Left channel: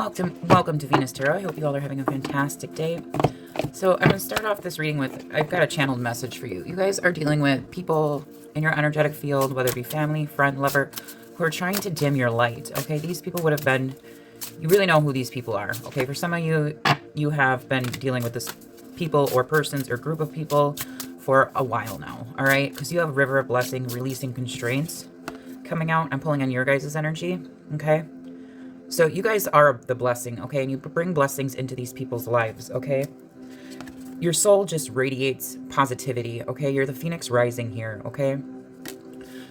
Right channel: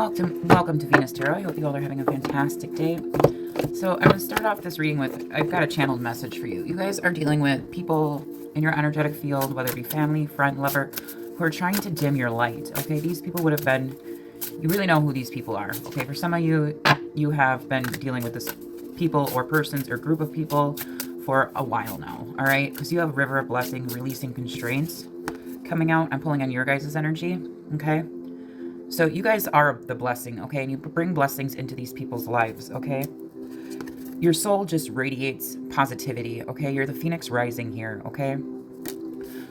Welcome to Venus Tarot. I hope you all are having a fantastic day. So I'm going to start off this reading with, I've got a channeled message for you. You guys are dealing with people in your energetic field, whether it be family, friend, lover, who are trying to dim your light, okay? These people would have been, you really know who these people are, okay? For some of you, you have been dealing with this people or persons or group of people for a while now, all right? Because you have River of Blessing, releasing constraints coming out. I'm pulling on your guys' energy, okay? So you guys are the blessing, okay? And you bring blessings into these people's lives, okay? Your soul just radiates positivity, okay? You're the phoenix rising here, okay?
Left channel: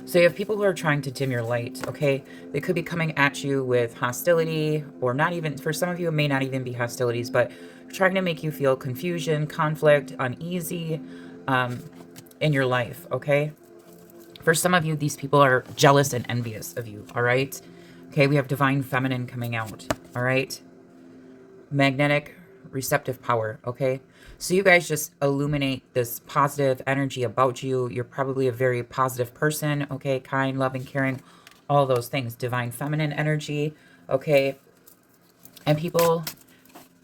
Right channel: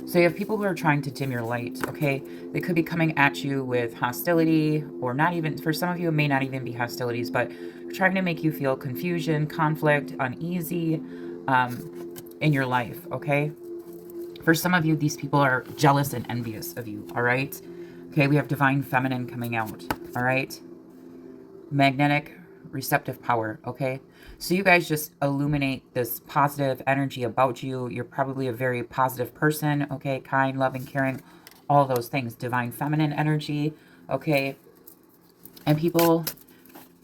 So you have people who are trying to dim your light, okay? They could be coming at you with hostility, or not even, for some of you, it may not even be hostilities, but trying to make you feel confusion, conflict, uneasy in your life, okay? For some of you, these people are jealous and envious of you, all right? Okay, we have divine feminine coming out, all right? Magnetic receptive power, okay? So you guys just illuminate this positive energy about you. You're probably a very positive person, okay? Kind, loving, caring, all those things. Divine feminine energy, okay? And people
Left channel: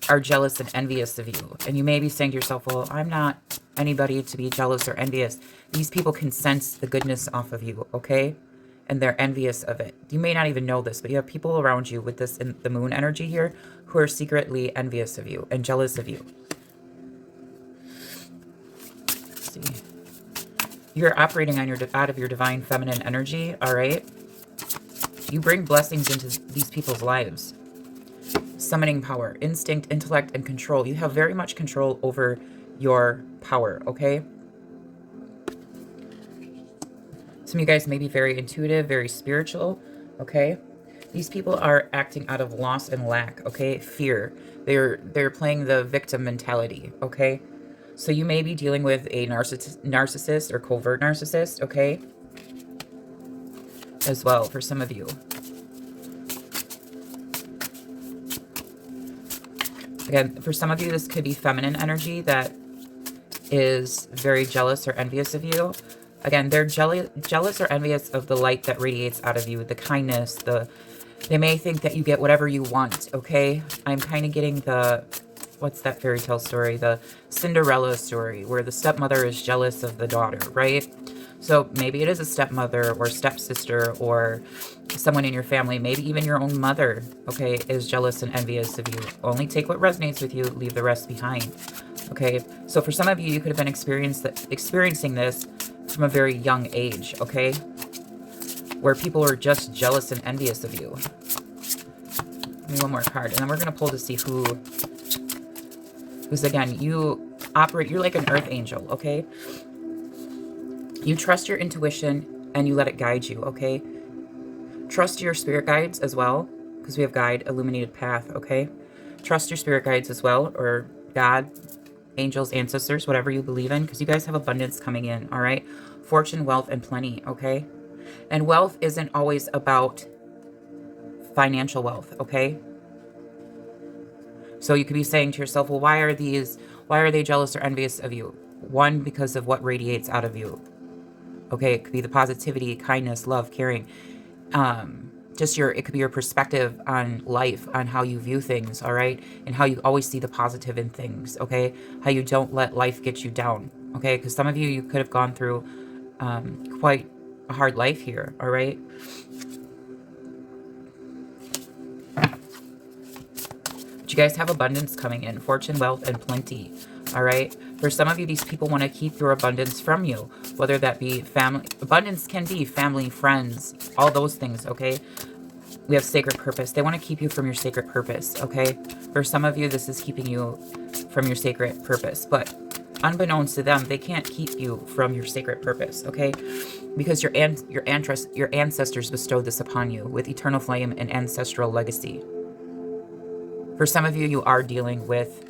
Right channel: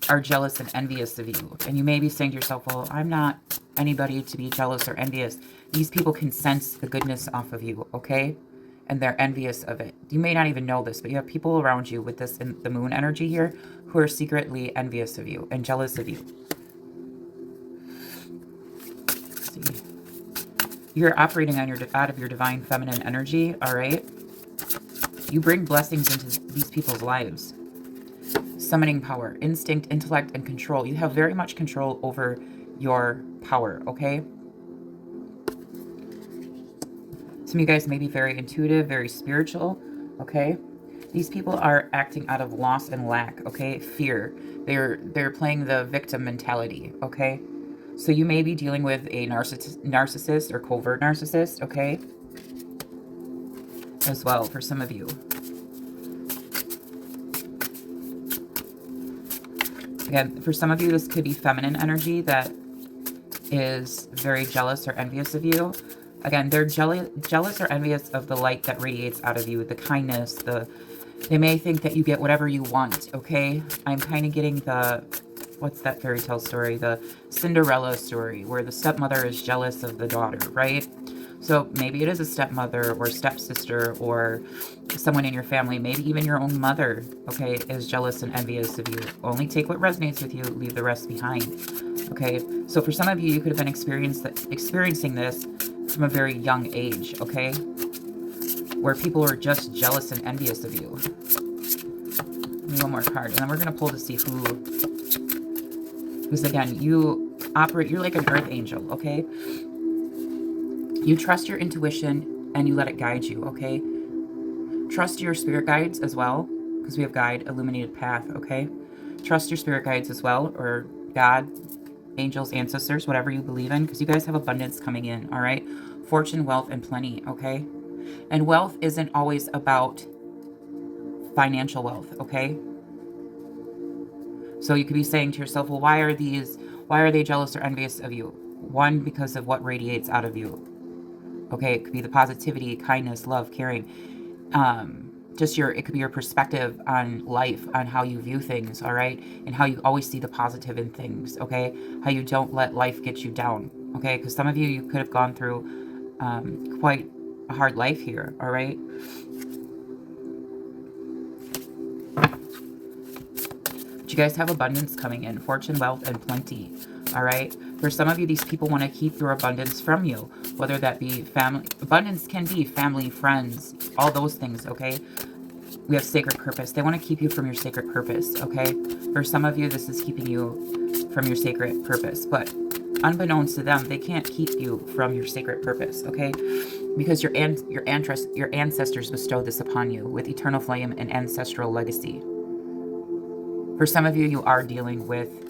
are jealous and envious of you. And you may be saying to yourself, well, I'm not anybody to be jealous or envious. These people can sense the goodness off of you, okay? And they're envious of it. You may not even know this, but you have people around you with this in the moon energy here who are secretly envious of you and jealous of you. Let's see. You're operating on out of your divine feminine energy, all right? You bring blessings into these people's lives. Summoning power, instinct, intellect, and control. You have very much control over your power, okay? Some of you guys may be very intuitive, very spiritual, okay? These people are acting out of loss and lack, okay? Fear. They're playing the victim mentality, okay? So you may be dealing with a narcissist or covert narcissist, okay? As well, for some of you. Again, for some of you, this could be feminine energy that is very jealous or envious of you. Again, they're jealous or envious of the light that radiates out of you, the kindness, they may think that you get whatever you want, okay? I'm kind of getting what's that fairy tale story? The Cinderella story, where the stepmother is jealous of the daughter, right? So maybe it is a stepmother or stepsister or someone in your family, maybe even your own mother, okay, is jealous and envious of you. Only take what resonates with you, leave the rest behind, okay? So for some of you, you could have been experiencing this from a very young age, okay? Where people are just jealous and envious of you. Give me one more card, and then we're going to pull to see who... Because again, you're like an earth angel, okay? You trust your intuition and you let it guide you, okay? Trust your spirit guides as well, because we have guide, illuminated path, okay? Trust your spirit guides as well, or God, angels, ancestors, whatever you believe in, because you guys have abundance coming in, all right? Fortune, wealth, and plenty, okay? And wealth isn't always about financial wealth, okay? So you could be saying to yourself, well, why are they jealous or envious of you? One, because of what radiates out of you. Okay, it could be the positivity, kindness, love, caring. It could be your perspective on life, on how you view things, all right? And how you always see the positive in things, okay? How you don't let life get you down, okay? Because some of you could have gone through quite a hard life here, all right? But you guys have abundance coming in, fortune, wealth, and plenty, all right? For some of you, these people want to keep your abundance from you, whether that be family. Abundance can be family, friends, all those things, okay? We have sacred purpose. They want to keep you from your sacred purpose, okay? For some of you, this is keeping you from your sacred purpose. But unbeknownst to them, they can't keep you from your sacred purpose, okay? Because your ancestors bestowed this upon you with eternal flame and ancestral legacy. For some of you, you are dealing with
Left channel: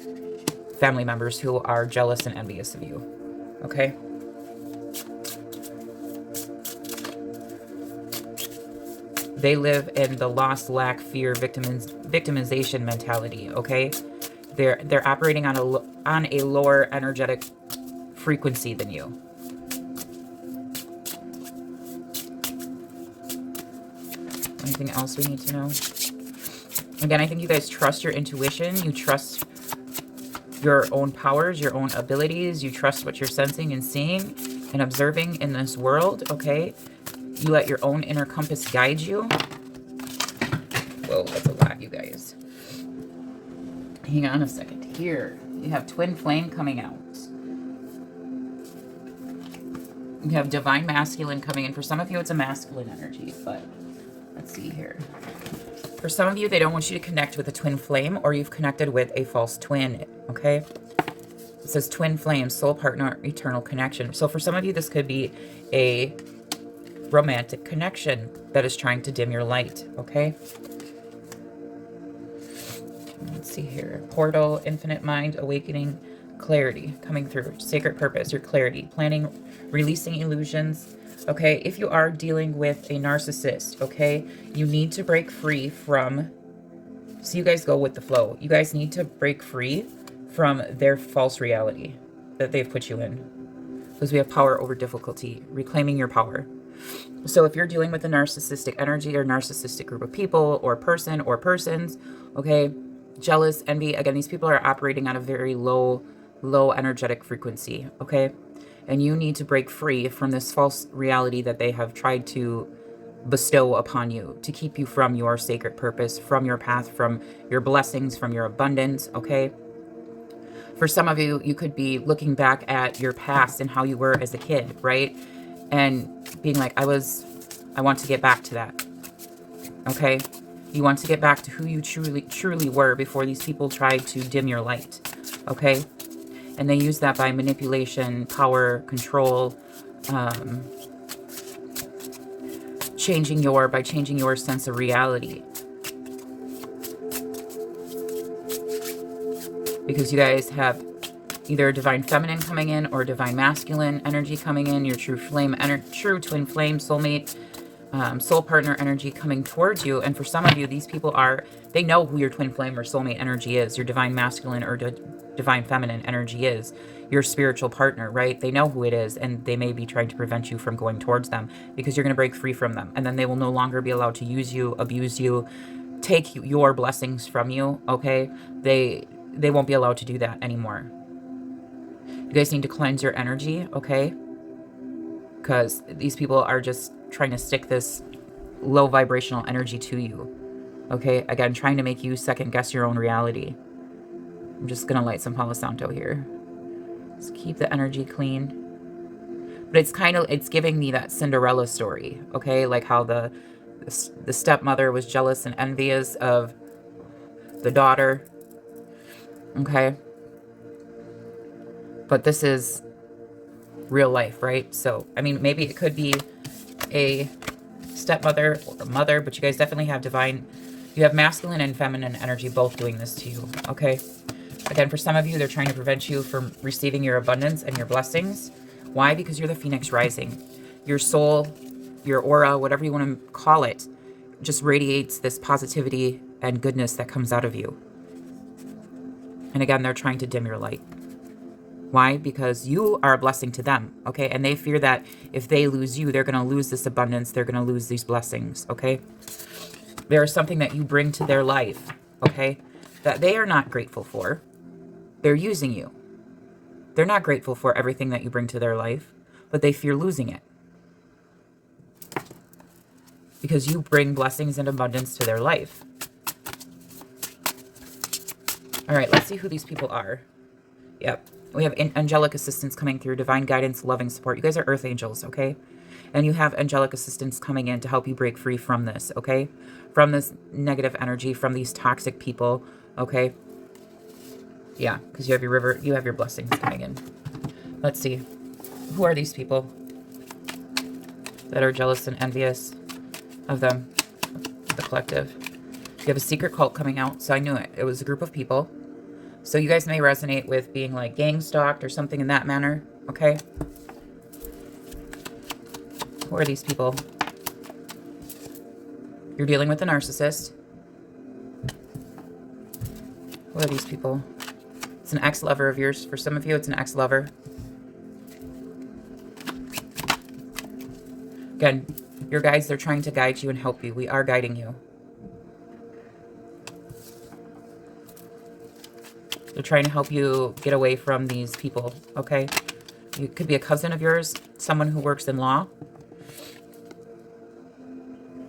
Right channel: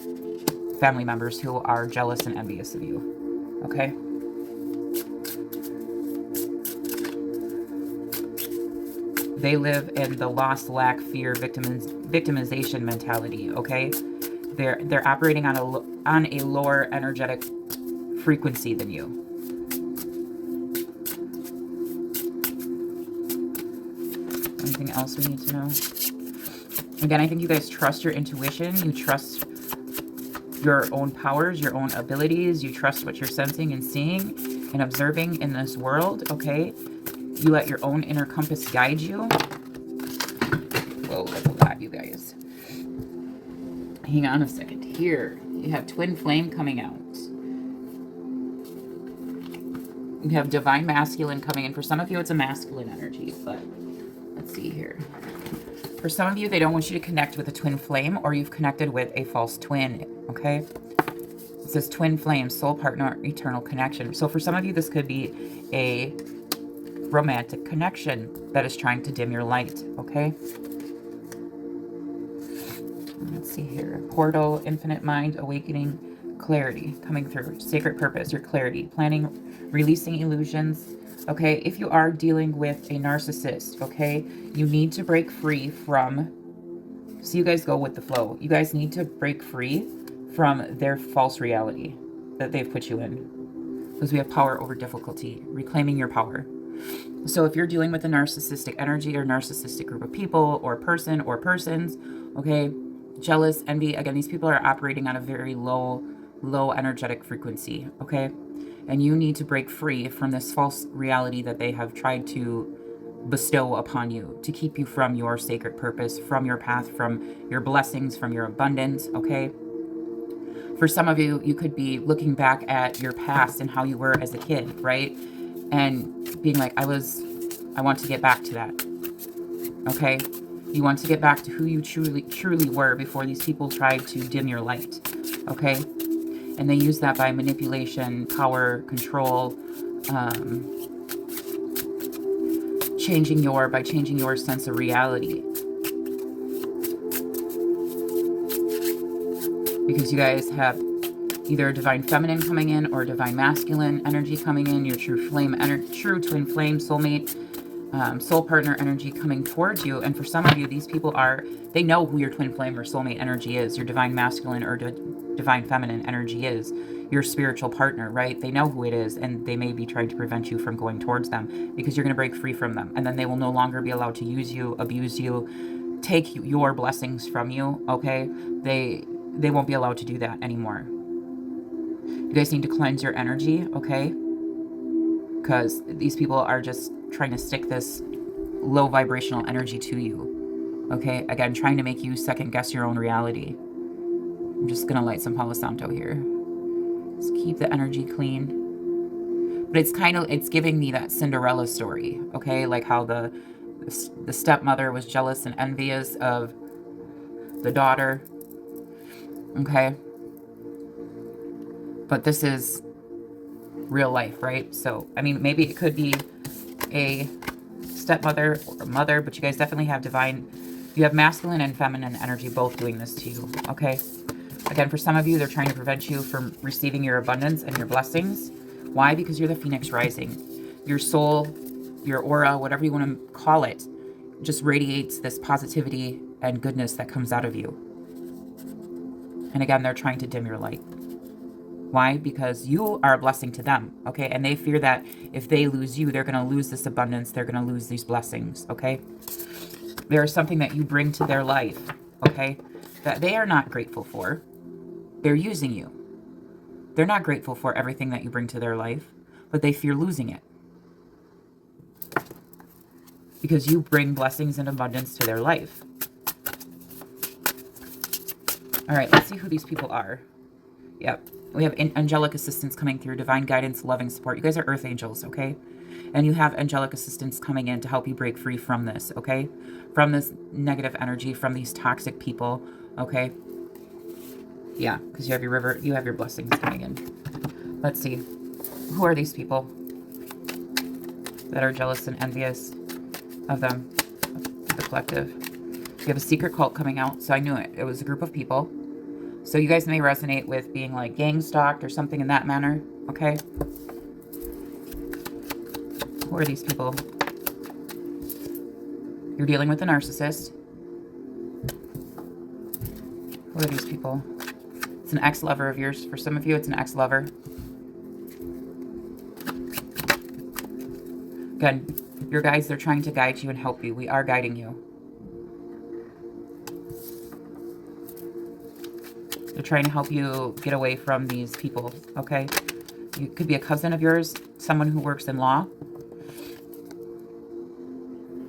family members who are jealous and envious of you, okay? They live in the loss, lack, fear, victimization mentality, okay? They're operating on a lower energetic frequency than you. Anything else we need to know? Again, I think you guys trust your intuition. You trust your own powers, your own abilities. You trust what you're sensing and seeing and observing in this world, okay? You let your own inner compass guide you. Whoa, that's a lot, you guys. Hang on a second. Here, you have twin flame coming out. You have divine masculine coming in. For some of you, it's a masculine energy, but let's see here. For some of you, they don't want you to connect with a twin flame, or you've connected with a false twin, okay? It says twin flame, soul partner, eternal connection. So for some of you, this could be a romantic connection that is trying to dim your light, okay? Let's see here. Portal, infinite mind, awakening, clarity coming through, sacred purpose, your clarity, planning, releasing illusions. Okay, if you are dealing with a narcissist, okay, you need to break free from, so you guys go with the flow. You guys need to break free from their false reality that they've put you in. Because we have power over difficulty, reclaiming your power. So if you're dealing with a narcissistic energy or narcissistic group of people or person or persons, okay, jealous, envy, again, these people are operating on a very low energetic frequency, okay? And you need to break free from this false reality that they have tried to bestow upon you to keep you from your sacred purpose, from your path, from your blessings, from your abundance, okay? For some of you, you could be looking back at your past and how you were as a kid, right? And being like, I want to get back to that, okay? You want to get back to who you truly were before these people tried to dim your light, okay? And they use that by manipulation, power, control, changing your sense of reality. Because you guys have either divine feminine coming in or divine masculine energy coming in, your true flame, true twin flame, soulmate, soul partner energy coming towards you. And for some of you, these people they know who your twin flame or soulmate energy is, your divine masculine or divine feminine energy is, your spiritual partner, right? They know who it is, and they may be trying to prevent you from going towards them because you're going to break free from them. And then they will no longer be allowed to use you, abuse you, take your blessings from you, okay? They won't be allowed to do that anymore. You guys need to cleanse your energy, okay? Because these people are just trying to stick this low vibrational energy to you, okay? Again, trying to make you second guess your own reality. I'm just going to light some Palo Santo here. Just keep the energy clean. But it's giving me that Cinderella story, okay? Like how the stepmother was jealous and envious of the daughter, okay? But this is real life, right? So, I mean, maybe it could be a stepmother or mother, but you guys definitely have you have masculine and feminine energy both doing this to you, okay? Again, for some of you, they're trying to prevent you from receiving your abundance and your blessings. Why? Because you're the Phoenix rising. Your soul, your aura, whatever you want to call it, just radiates this positivity and goodness that comes out of you. And again, they're trying to dim your light. Why? Because you are a blessing to them, okay? And they fear that if they lose you, they're going to lose this abundance. They're going to lose these blessings, okay? There is something that you bring to their life, okay, that they are not grateful for. They're using you. They're not grateful for everything that you bring to their life, but they fear losing it. Because you bring blessings and abundance to their life. All right, let's see who these people are. Yep. We have angelic assistance coming through, divine guidance, loving support. You guys are earth angels, okay? And you have angelic assistance coming in to help you break free from this, okay? From this negative energy, from these toxic people, okay? Yeah, because you have your blessings coming in. Let's see. Who are these people that are jealous and envious of them, the collective? You have a secret cult coming out, so I knew it. It was a group of people. So you guys may resonate with being like gang stalked or something in that manner, okay? Who are these people? You're dealing with a narcissist. Who are these people? It's an ex-lover of yours. For some of you, it's an ex-lover. Again, your guides, they're trying to guide you and help you. We are guiding you. They're trying to help you get away from these people, okay? It could be a cousin of yours, someone who works in law.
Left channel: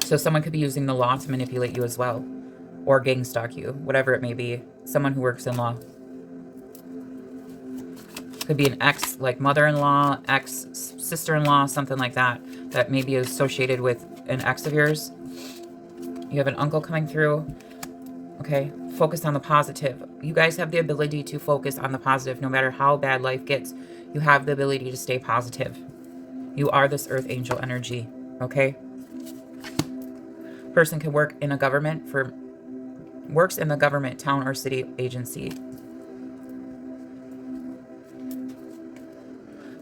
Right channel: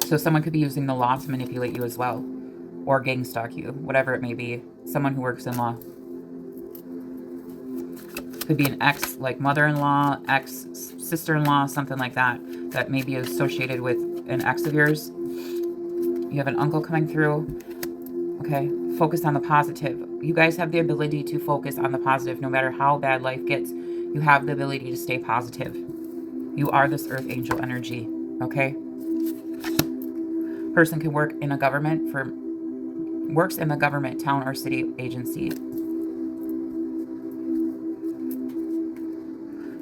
So someone could be using the law to manipulate you as well, or gang stalk you, whatever it may be. Someone who works in law. Could be an ex, like mother-in-law, ex-sister-in-law, something like that, that may be associated with an ex of yours. You have an uncle coming through. Okay, focus on the positive. You guys have the ability to focus on the positive no matter how bad life gets. You have the ability to stay positive. You are this earth angel energy, okay? Person can work in a government works in the government, town, or city agency.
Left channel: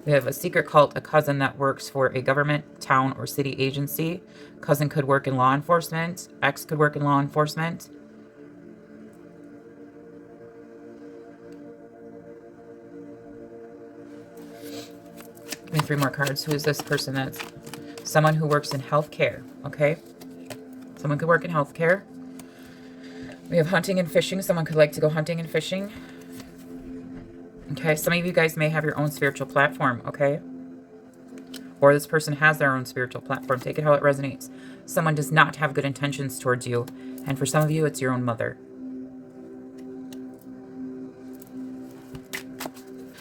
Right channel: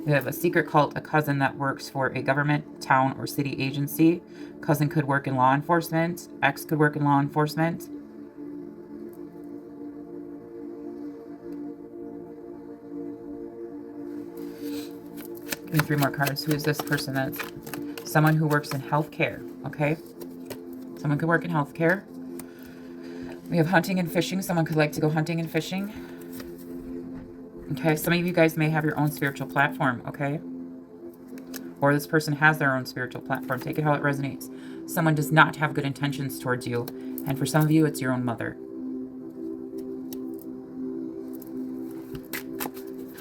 We have a secret cult, a cousin that works for a government, town, or city agency. Cousin could work in law enforcement. Ex could work in law enforcement. Give me 3 more cards. Who is this person? That's someone who works in healthcare, okay? Someone could work in healthcare. We have hunting and fishing. Someone could like to go hunting and fishing. Okay, some of you guys may have your own spiritual platform, okay? Or this person has their own spiritual platform. Take it how it resonates. Someone does not have good intentions towards you. And for some of you, it's your own mother.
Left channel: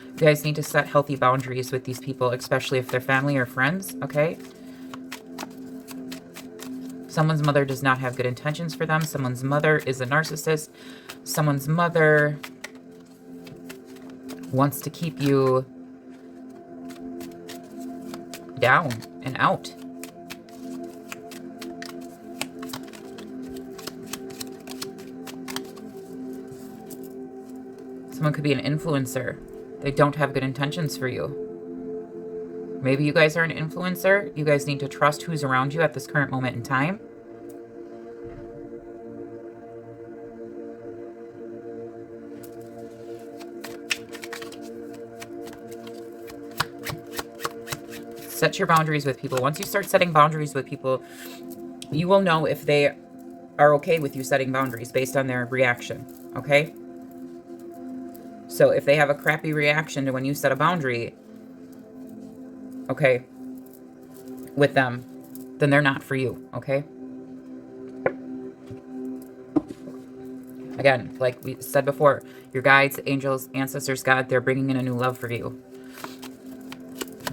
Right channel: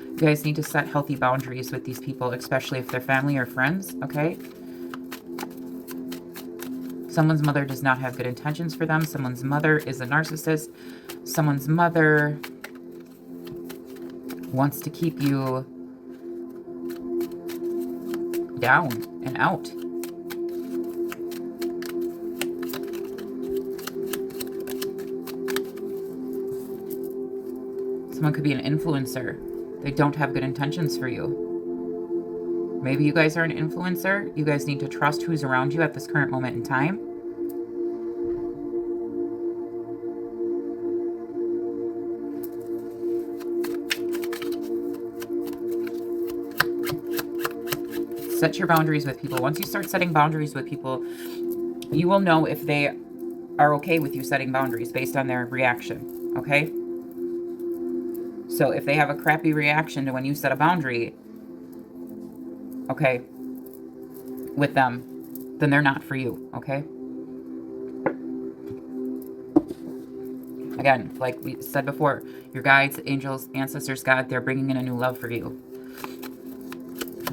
You guys need to set healthy boundaries with these people, especially if they're family or friends, okay? Someone's mother does not have good intentions for them. Someone's mother is a narcissist. Someone's mother wants to keep you down and out. Someone could be an influencer. They don't have good intentions for you. Maybe you guys are an influencer. You guys need to trust who's around you at this current moment in time. Set your boundaries with people. Once you start setting boundaries with people, you will know if they are okay with you setting boundaries based on their reaction, okay? So if they have a crappy reaction to when you set a boundary, okay, with them, then they're not for you, okay? Again, like we said before, your guides, angels, ancestors, God, they're bringing in a new love for you.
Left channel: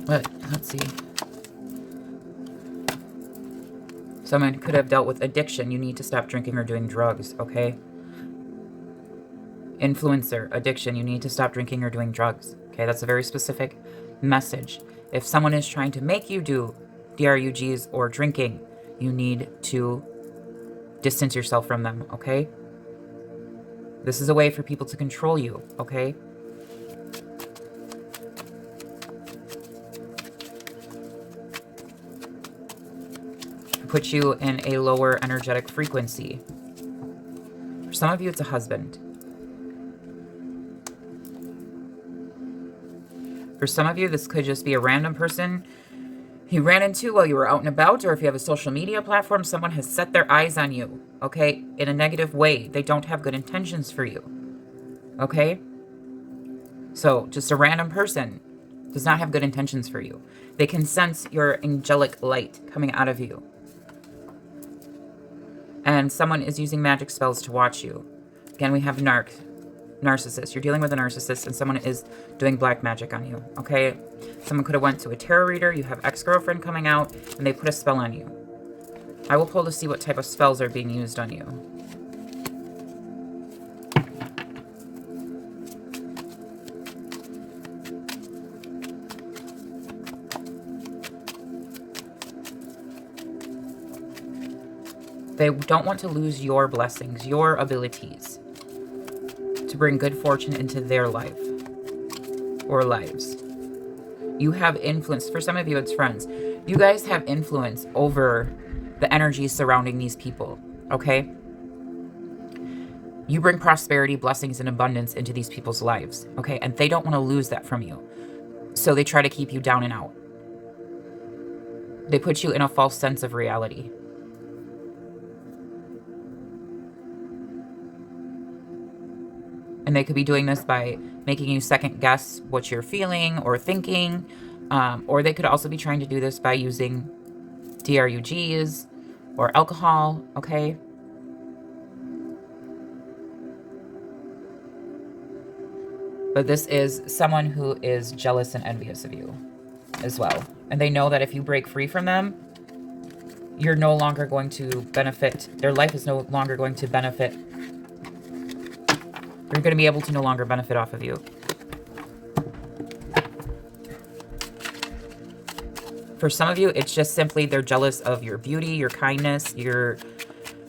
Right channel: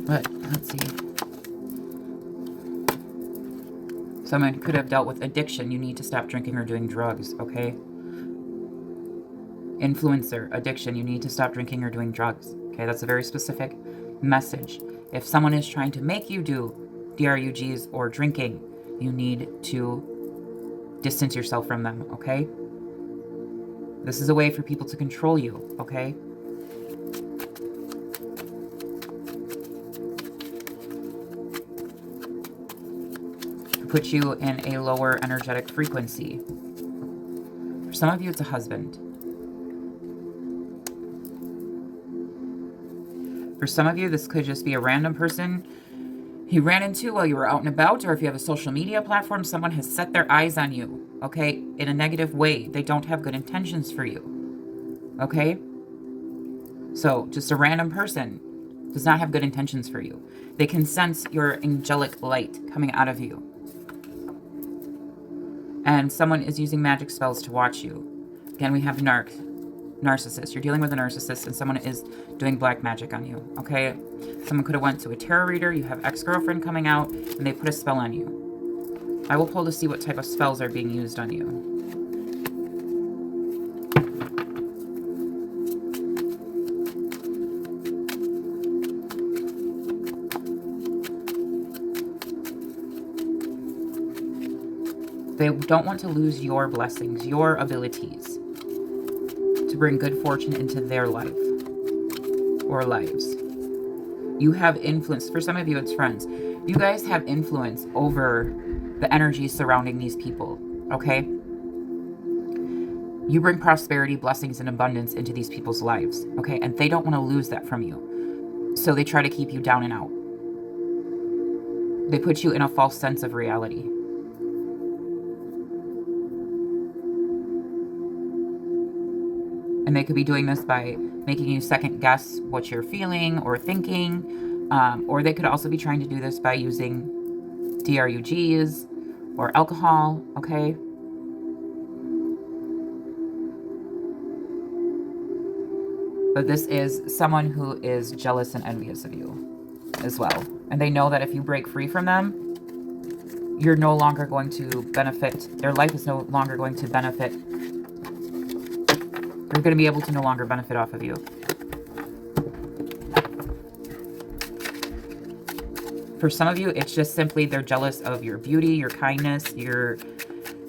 But let's see. Someone could have dealt with addiction. You need to stop drinking or doing drugs, okay? Influencer, addiction. You need to stop drinking or doing drugs, okay? That's a very specific message. If someone is trying to make you do DRUGs or drinking, you need to distance yourself from them, okay? This is a way for people to control you, okay? Put you in a lower energetic frequency. For some of you, it's a husband. For some of you, this could just be a random person you ran into while you were out and about, or if you have a social media platform, someone has set their eyes on you, okay, in a negative way. They don't have good intentions for you, okay? So just a random person does not have good intentions for you. They can sense your angelic light coming out of you. And someone is using magic spells to watch you. Again, we have narcissist. You're dealing with a narcissist and someone is doing black magic on you, okay? Someone could have went to a tarot reader. You have ex-girlfriend coming out and they put a spell on you. I will pull to see what type of spells are being used on you. They don't want to lose your blessings, your abilities to bring good fortune into their life or lives. You have influence. For some of you, it's friends. You guys have influence over the energies surrounding these people, okay? You bring prosperity, blessings, and abundance into these people's lives, okay? And they don't want to lose that from you. So they try to keep you down and out. They put you in a false sense of reality. And they could be doing this by making you second guess what you're feeling or thinking. Or they could also be trying to do this by using DRUGs or alcohol, okay? But this is someone who is jealous and envious of you as well. And they know that if you break free from them, you're no longer going to benefit. Their life is no longer going to benefit. They're going to be able to no longer benefit off of you. For some of you, it's just simply they're jealous of your beauty, your kindness, your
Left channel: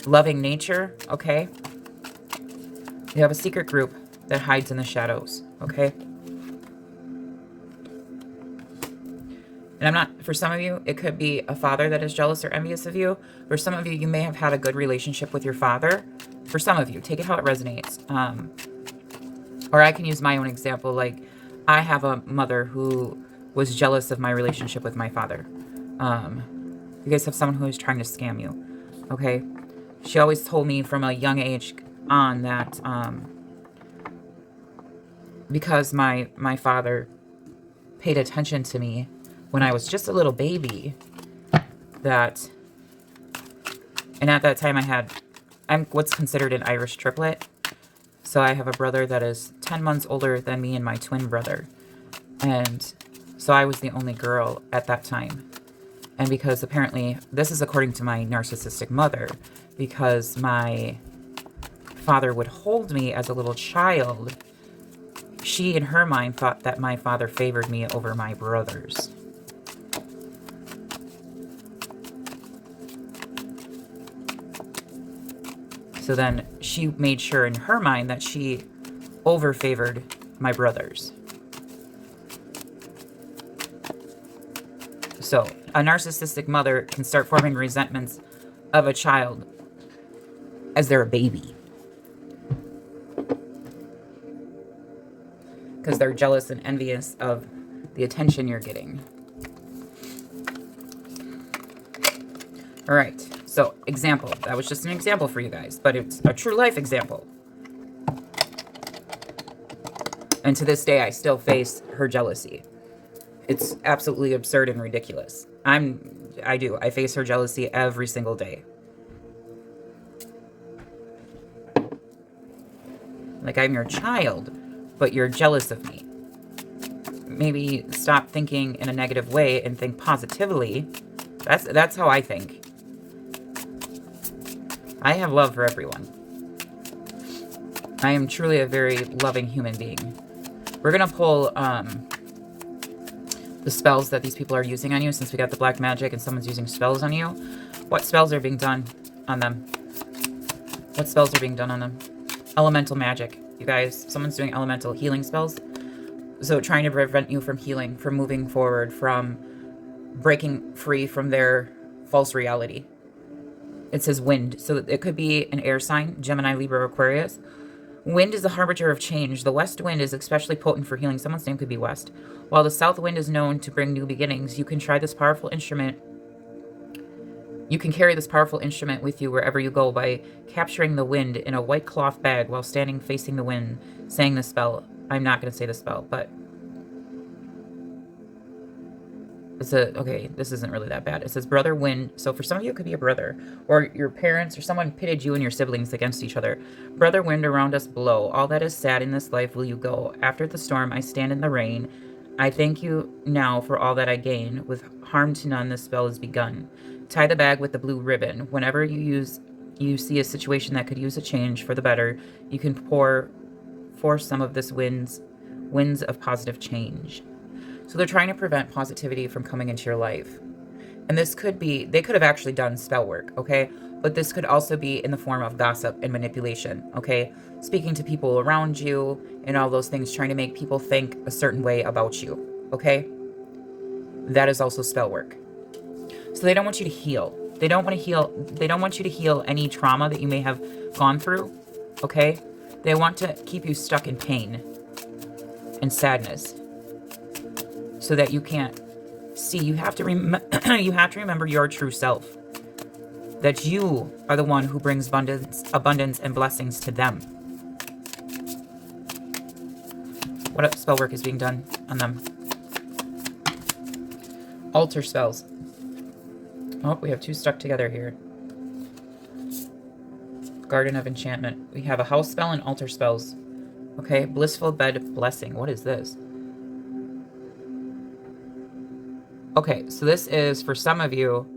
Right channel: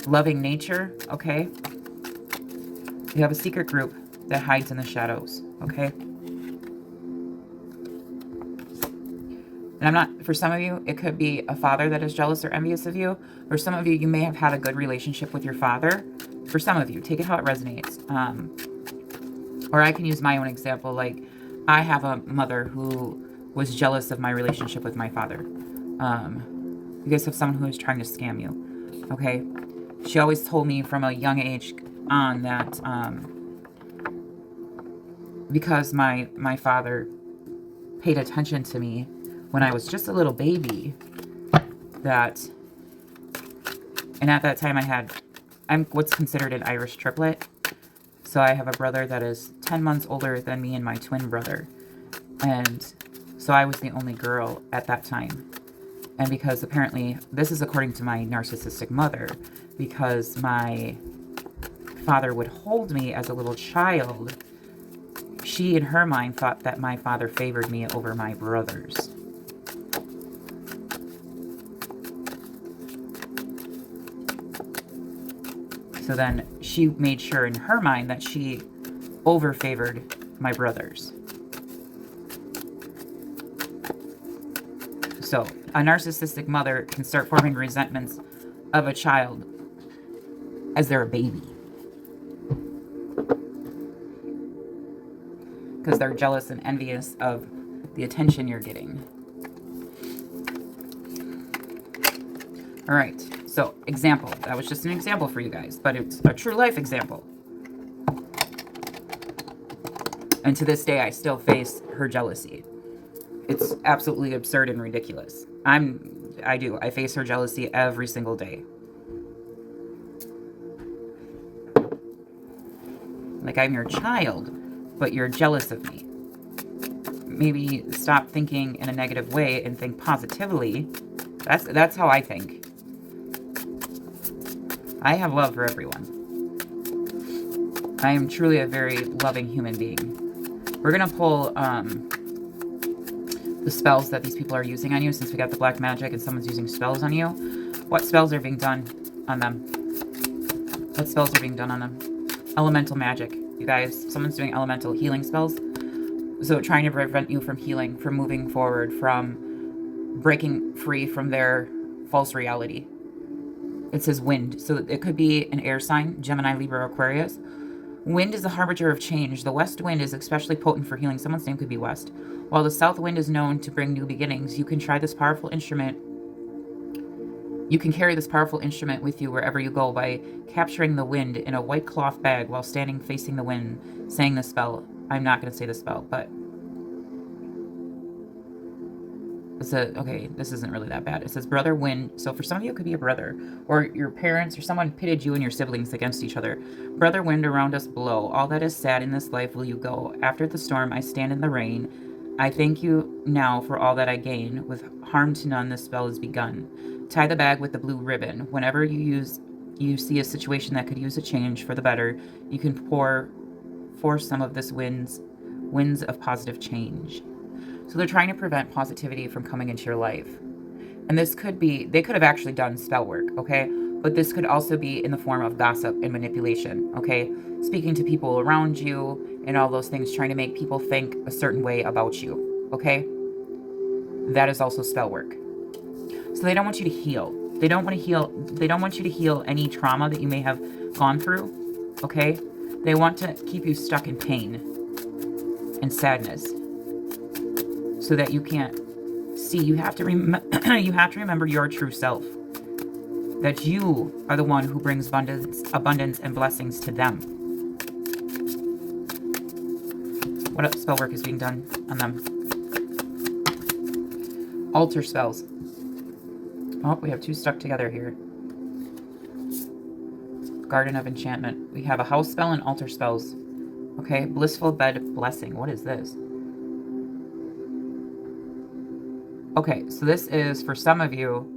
loving nature, okay? You have a secret group that hides in the shadows, okay? And I'm not, for some of you, it could be a father that is jealous or envious of you. For some of you, you may have had a good relationship with your father. For some of you, take it how it resonates. Or I can use my own example. Like, I have a mother who was jealous of my relationship with my father. You guys have someone who is trying to scam you, okay? She always told me from a young age on that because my father paid attention to me when I was just a little baby, that, and at that time I'm what's considered an Irish triplet. So I have a brother that is 10 months older than me and my twin brother. And so I was the only girl at that time. And because apparently, this is according to my narcissistic mother, because my father would hold me as a little child, she in her mind thought that my father favored me over my brothers. So then she made sure in her mind that she over-favored my brothers. So a narcissistic mother can start forming resentments of a child as they're a baby, because they're jealous and envious of the attention you're getting. All right. So, example. That was just an example for you guys, but it's a true life example. And to this day, I still face her jealousy. It's absolutely absurd and ridiculous. I face her jealousy every single day. Like, I'm your child, but you're jealous of me. Maybe stop thinking in a negative way and think positively. That's how I think. I have love for everyone. I am truly a very loving human being. We're going to pull the spells that these people are using on you, since we got the black magic and someone's using spells on you. What spells are being done on them? What spells are being done on them? Elemental magic. You guys, someone's doing elemental healing spells. So trying to prevent you from healing, from moving forward, from breaking free from their false reality. It says wind. So it could be an air sign, Gemini, Libra, Aquarius. Wind is the harbinger of change. The west wind is especially potent for healing. Someone's name could be West. While the south wind is known to bring new beginnings, you can try this powerful instrument. You can carry this powerful instrument with you wherever you go by capturing the wind in a white cloth bag while standing facing the wind, saying the spell. I'm not going to say the spell, but okay, this isn't really that bad. It says brother wind. So for some of you, it could be a brother or your parents or someone pitted you and your siblings against each other. Brother wind around us blow. All that is sad in this life will you go. After the storm, I stand in the rain. I thank you now for all that I gain. With harm to none, the spell is begun. Tie the bag with the blue ribbon. Whenever you see a situation that could use a change for the better, you can force some of this winds of positive change. So they're trying to prevent positivity from coming into your life. And this could be, they could have actually done spell work, okay? But this could also be in the form of gossip and manipulation, okay? Speaking to people around you and all those things, trying to make people think a certain way about you, okay? That is also spell work. So they don't want you to heal. They don't want you to heal any trauma that you may have gone through, okay? They want to keep you stuck in pain and sadness, so that you can't see. You have to remember your true self. That you are the one who brings abundance and blessings to them. What spell work is being done on them? Altar spells. Oh, we have two stuck together here. Garden of Enchantment. We have a house spell and altar spells. Okay, blissful bed blessing. What is this? Okay, so this is for some of you.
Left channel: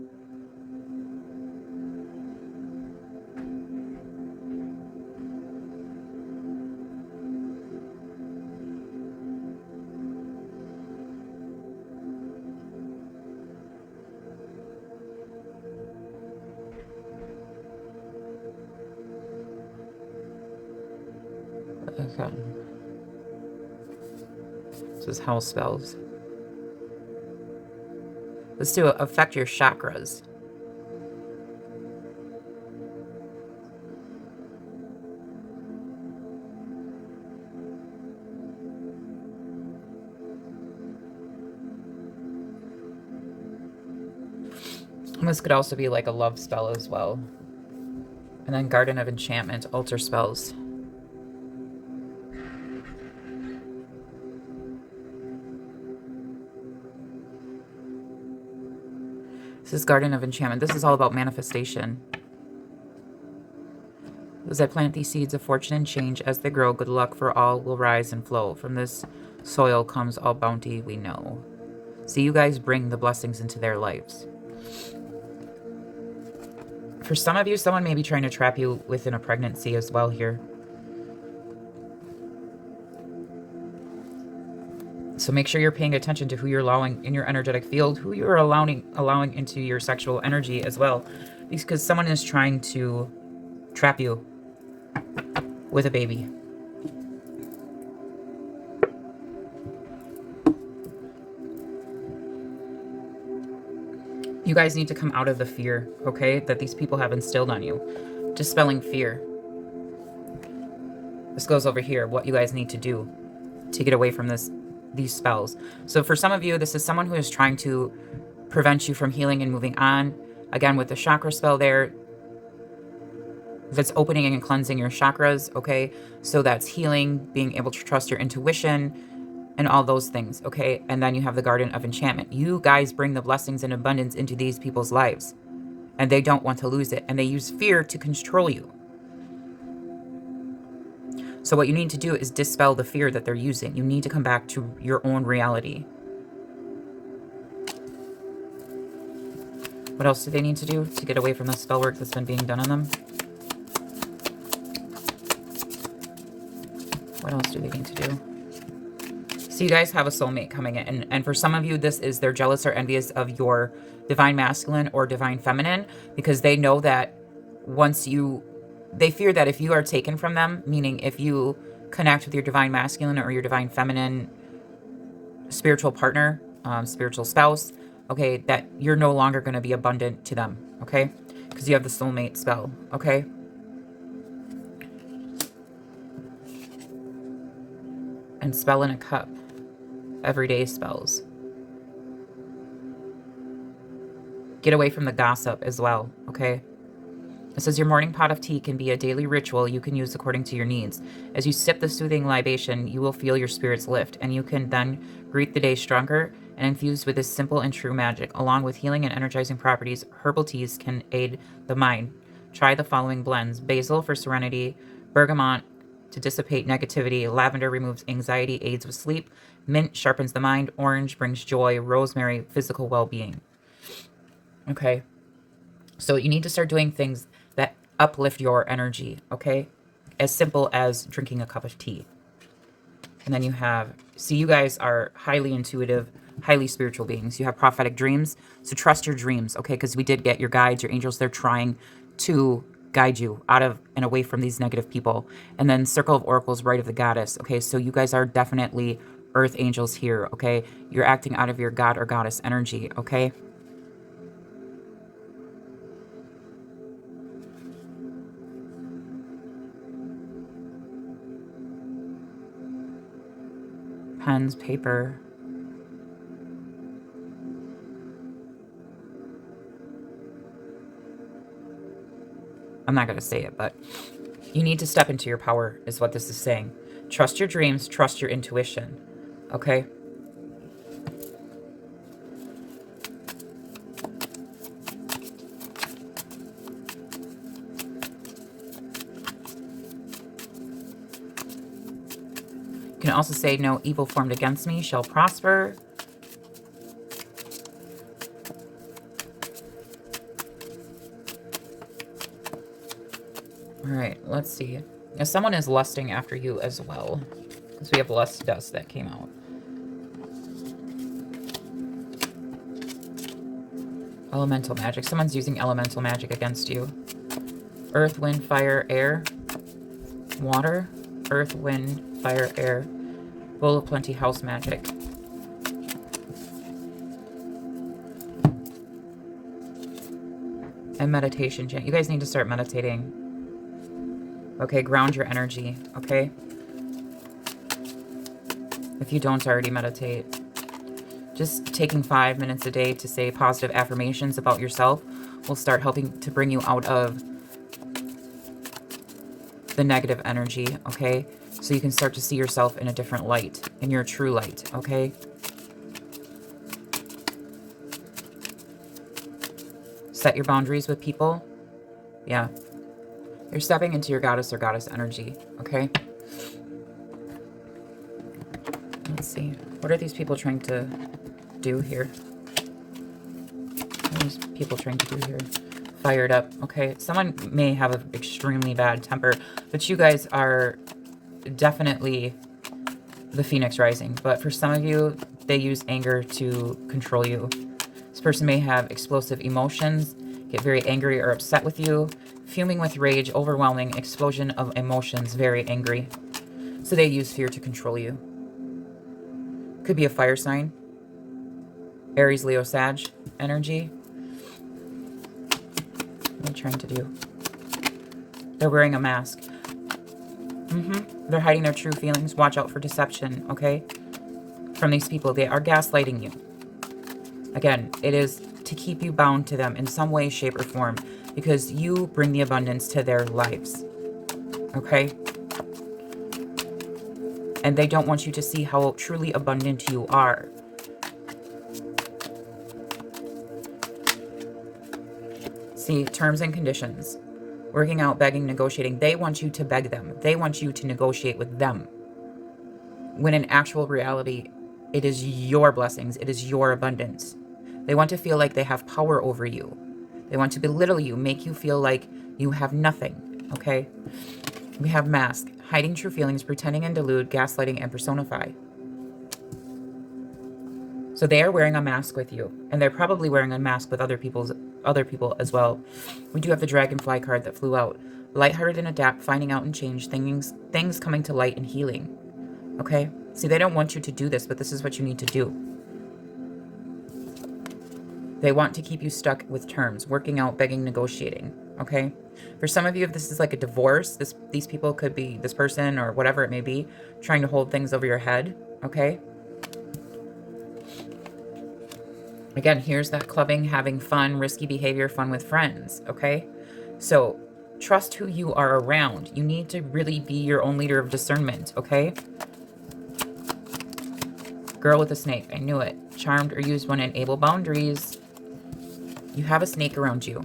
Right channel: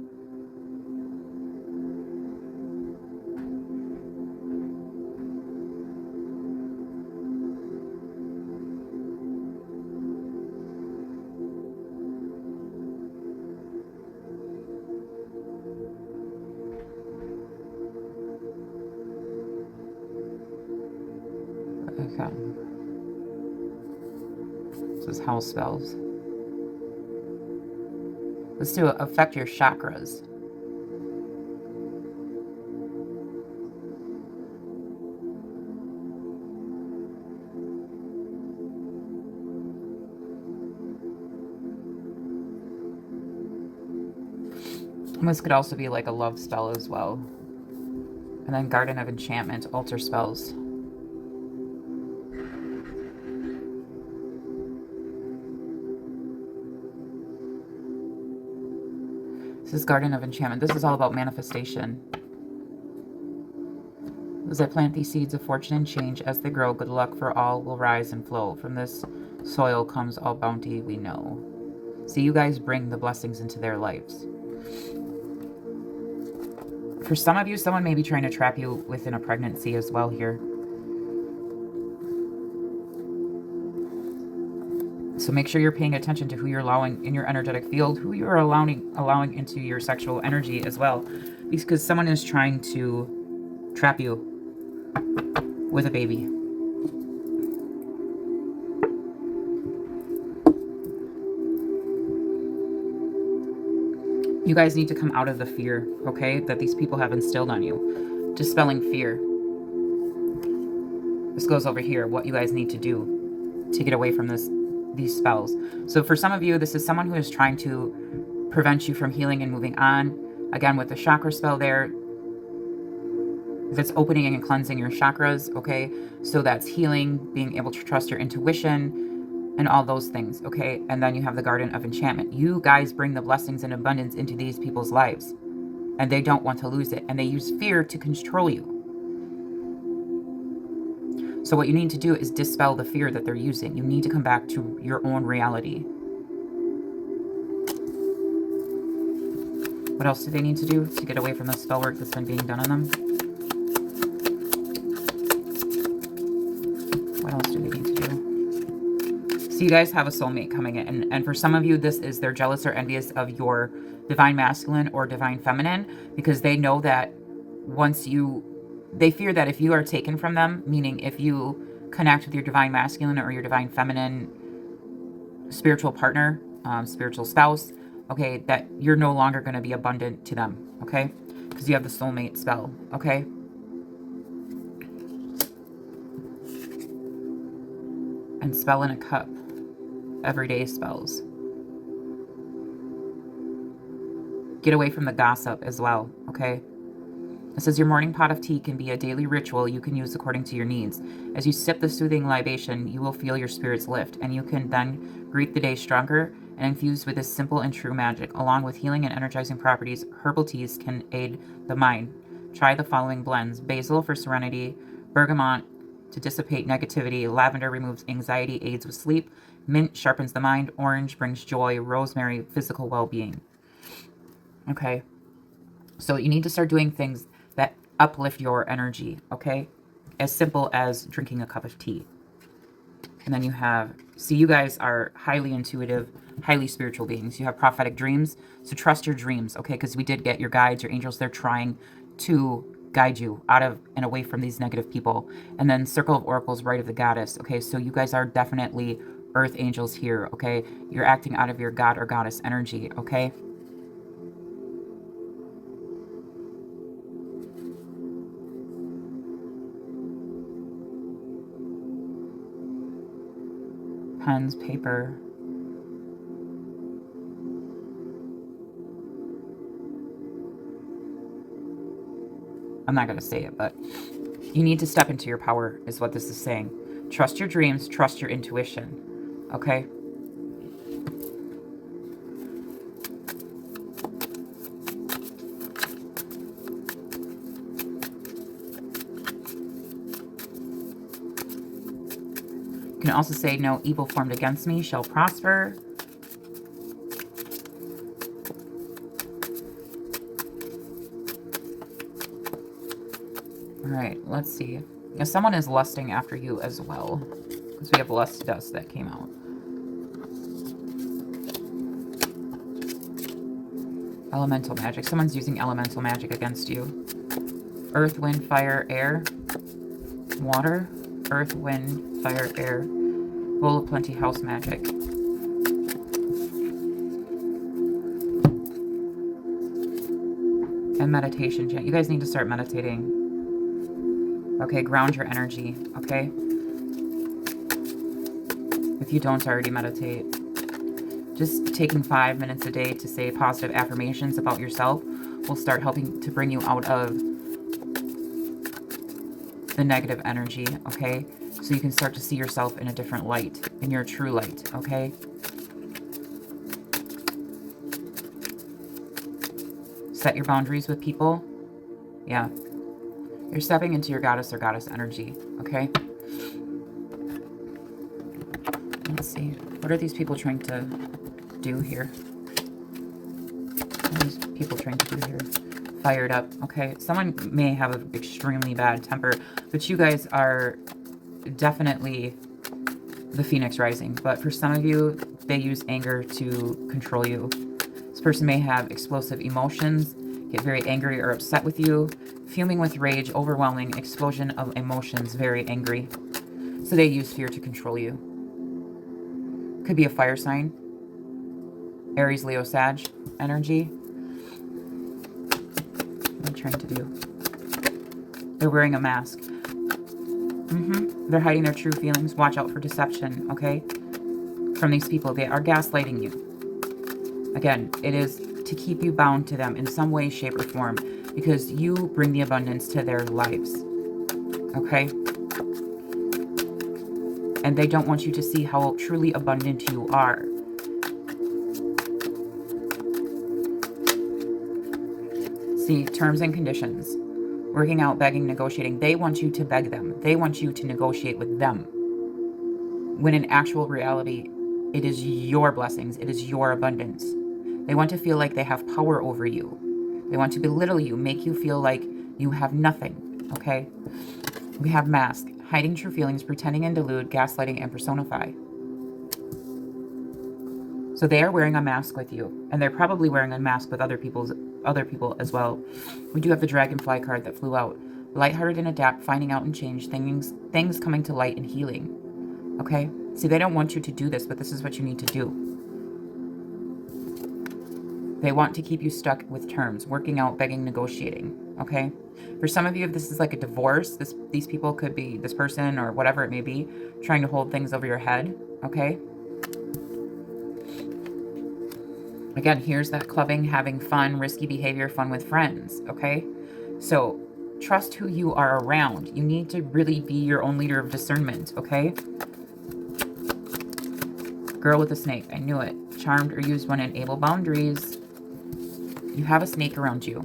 Okay. This is house spells. This to affect your chakras. And this could also be like a love spell as well. And then Garden of Enchantment, altar spells. This is Garden of Enchantment. This is all about manifestation. As I plant these seeds of fortune and change, as they grow, good luck for all will rise and flow. From this soil comes all bounty we know. So you guys bring the blessings into their lives. For some of you, someone may be trying to trap you within a pregnancy as well here. So make sure you're paying attention to who you're allowing in your energetic field, who you're allowing into your sexual energy as well. Because someone is trying to trap you with a baby. You guys need to come out of the fear, okay, that these people have instilled on you. Dispelling fear. This goes over here, what you guys need to do to get away from these spells. So for some of you, this is someone who is trying to prevent you from healing and moving on. Again, with the chakra spell there, that's opening and cleansing your chakras, okay? So that's healing, being able to trust your intuition, and all those things, okay? And then you have the Garden of Enchantment. You guys bring the blessings and abundance into these people's lives, and they don't want to lose it, and they use fear to control you. So what you need to do is dispel the fear that they're using. You need to come back to your own reality. What else do they need to do to get away from the spell work that's been being done on them? What else do they need to do? So you guys have a soulmate coming in. And for some of you, this is they're jealous or envious of your divine masculine or divine feminine, because they know that they fear that if you are taken from them, meaning if you connect with your divine masculine or your divine feminine spiritual partner, spiritual spouse, okay, that you're no longer going to be abundant to them, okay? Because you have the soulmate spell, okay? And spell in a cup. Everyday spells. Get away from the gossip as well, okay? It says your morning pot of tea can be a daily ritual you can use according to your needs. As you sip the soothing libation, you will feel your spirits lift, and you can then greet the day stronger and infused with this simple and true magic. Along with healing and energizing properties, herbal teas can aid the mind. Try the following blends: basil for serenity, bergamot to dissipate negativity, lavender removes anxiety, aids with sleep, mint sharpens the mind, orange brings joy, rosemary, physical well-being. Okay, so you need to start doing things that uplift your energy, okay? As simple as drinking a cup of tea. And then you have, see, you guys are highly intuitive, highly spiritual beings. You have prophetic dreams, so trust your dreams, okay? Because we did get your guides, your angels, they're trying to guide you out of and away from these negative people. And then Circle of Oracles, Rite of the Goddess, okay? So you guys are definitely earth angels here, okay? You're acting out of your god or goddess energy, okay? Pens, paper. I'm not going to say it, but you need to step into your power is what this is saying. Trust your dreams, trust your intuition, okay? You can also say, no evil formed against me shall prosper. All right, let's see. Now, someone is lusting after you as well, because we have lust dust that came out. Elemental magic. Someone's using elemental magic against you. Earth, wind, fire, air. Water. Earth, wind, fire, air. Bowl of plenty, house magic. And meditation chant. You guys need to start meditating. Okay, ground your energy, okay? If you don't already meditate. Just taking 5 minutes a day to say positive affirmations about yourself will start helping to bring you out of the negative energy, okay? So you can start to see yourself in a different light, in your true light, okay? Set your boundaries with people. Yeah. You're stepping into your goddess or goddess energy, okay? Let's see. What are these people trying to do here? What are these people trying to do here? Fired up. Okay, someone may have an extremely bad temper, but you guys are definitely the Phoenix rising. But for some of you, they use anger to control you. This person may have explosive emotions, get very angry or upset with you, fuming with rage, overwhelming, explosion of emotions, very angry. So they use fear to control you. Could be a fire sign. Aries, Leo, Sag energy. What are they trying to do? They're wearing a mask. They're hiding their true feelings. Watch out for deception, okay? From these people. They are gaslighting you. Again, it is to keep you bound to them in some way, shape, or form, because you bring the abundance to their lives, okay? And they don't want you to see how truly abundant you are. See, terms and conditions. Working out, begging, negotiating. They want you to beg them. They want you to negotiate with them. When in actual reality, it is your blessings. It is your abundance. They want to feel like they have power over you. They want to belittle you, make you feel like you have nothing, okay? We have mask, hiding true feelings, pretending and delude, gaslighting, and personify. So they are wearing a mask with you, and they're probably wearing a mask with other people as well. We do have the dragonfly card that flew out. Lighthearted and adapt, finding out and change, things coming to light and healing. Okay? See, they don't want you to do this, but this is what you need to do. They want to keep you stuck with terms, working out, begging, negotiating. Okay? For some of you, if this is like a divorce, these people could be this person or whatever it may be, trying to hold things over your head. Okay? Again, here's that clubbing, having fun, risky behavior, fun with friends, okay? So trust who you are around. You need to really be your own leader of discernment, okay? Girl with a snake, I knew it. Charmed or used when enable boundaries. You have a snake around you.